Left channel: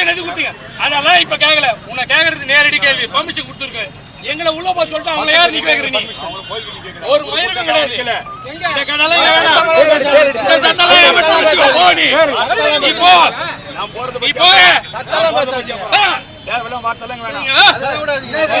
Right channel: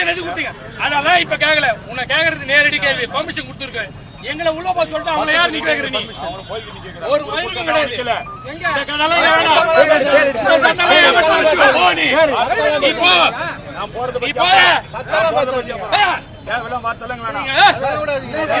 Permission எது கொடுத்தீங்க அதெல்லாம் இப்ப கேட்கல உன்னை கேக்குறது நேரடி கேள்வி பர்மிஷன் கொடுத்துருக்க எங்களை உள்ள போய் சொல்லிட்டு அவங்கள யார் நீ கேக்குற நீ ஒரு மயிருக்கும் கிடையாது. தேவையில்லாம் வார்த்தைலாம் வேணாம்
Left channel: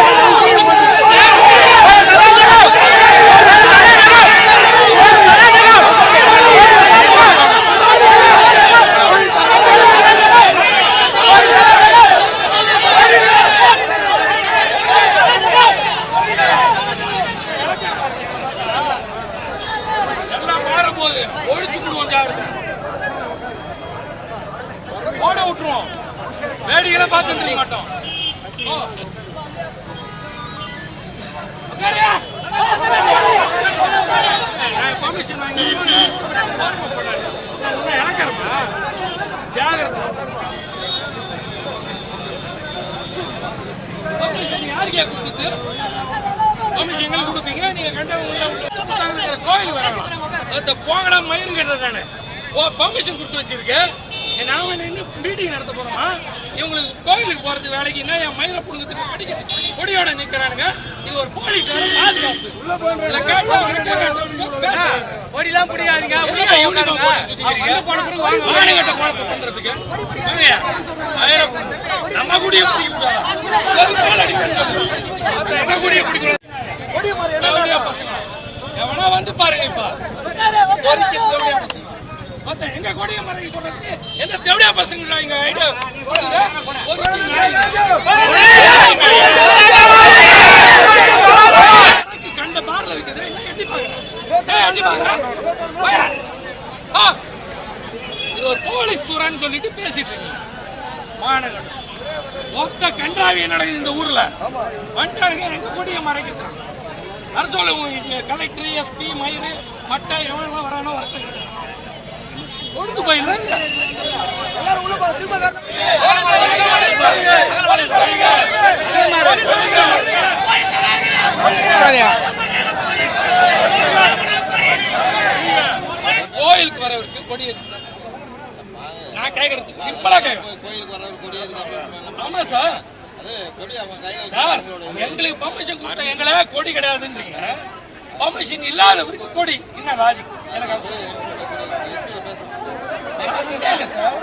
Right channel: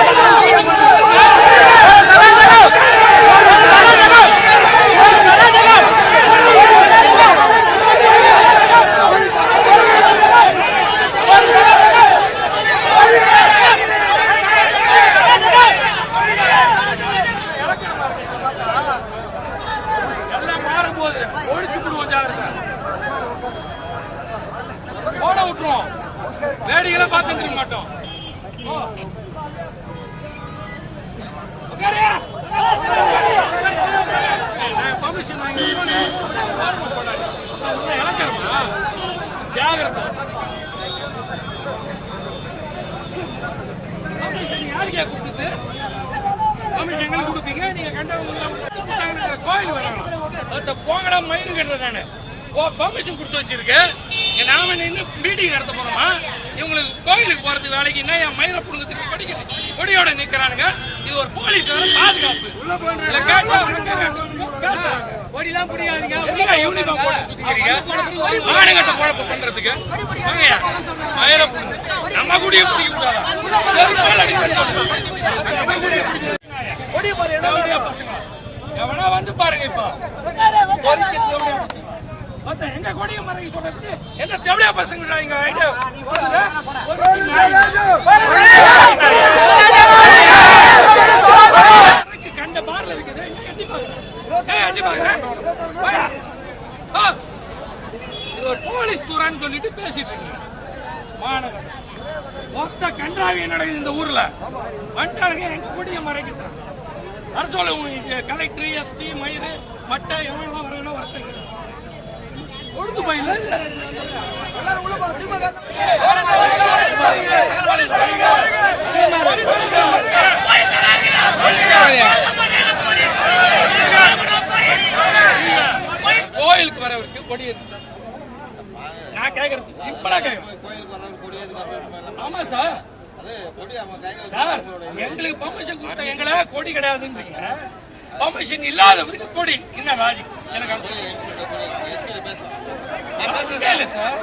விட்டுருவோம் வேடிக்கையில பார்த்துட்டு இருக்க மாட்டோம் ஓ. நான் permission வாங்கி ஓரமா போட்டாங்க. நான் சொன்னேன், இறக்கறமா? ஜாகிரதை permission யாருக்கே கொடுத்தது? கமிஷன் எங்களுக்கு கொடுப்பீங்க. நீங்க கண்டவங்க கோயில் வரணும். அதை போங்கடா மயிறு கட்டுறேன் நானு ஓ பர்மிஷன் கொடுத்து வச்சிருக்கேன். நாம நின்று மீட்டிங் நடத்த போறோமா இவங்களுக்கு கோயிலுக்கு போறது வேலைக்கு என்ன என் மயிரை புடுங்கிறதுக்கு கொடி கொடியோட நிக்கிறானுங்க இது ஒரு போலீஸ் பாதுகாப்பு கொடிலாம் பிடிக்காதீங்க யூனிஃபார்ம் போட்டு சுத்திக்கிறீங்க மானங்கட்ட குழப்பம் பண்றதுக்கு. மயிரை புடுங்க. நம்ம கூடயே பிடிக்க கூடாதா சரி மேல அடிக்கணும் நம்ம கூடயே பசங்க எவனா வந்து பாருங்க இப்ப பொறுக்கி எங்க கொடிய மறைக்க சொல்றதுக்கு எந்த தேவடியா பசங்க இங்க? ஐடியா கொடுங்க. கண்ட பார்ல விக்குது என்ன எட்டி பாக்குறேன் எட்டி பாக்குறேன் இது ஒரு போலீஸ் தூரான்னு சொல்லிட்டு பேசிட்டு இருக்கீங்க. மாநகரம் மொத்த கன்றாவி நடக்குது இந்த ஊர்ல. வந்துட்டானுங்க எங்க கொடிய மறைக்கிறாங்க வர சொல்லுங்க கலெக்டர் எஸ்பி மயிறு மட்டை எவனெல்லாம் வரானோ ஒழுங்கு போயிடல கோயிலுக்கு வரவருக்கு கொடி இருக்கு சார். நான் கேக்குறது சிம்பிளா கேக்குறேன். கோயிலுக்கு வர்றவர் கொடி ஆமா சார். எங்களுக்கு பர்மிஷன் கொடுத்த எங்களை கொடி கிடையாதுன்றீங்க. பர்மிஷன் இல்லாதவருக்கு கொடி. என்ன லாஜிக் எனக்கு அது சார்.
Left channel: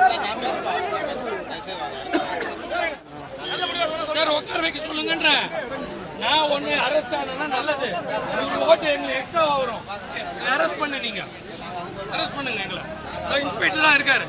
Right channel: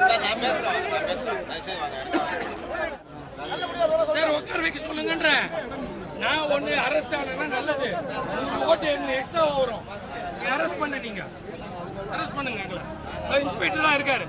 சார் உட்கார வைக்க சொல்லுங்கன்றேன் நான் ஒண்ணு அரெஸ்ட் ஆனா நல்லது. நூறு ஓட்டு எங்களுக்கு எக்ஸ்ட்ரா வரும். அரெஸ்ட் பண்ண நீங்க. அரெஸ்ட் பண்ணுங்க எங்களை. இன்ஸ்பெக்டர் தான் இருக்காரு.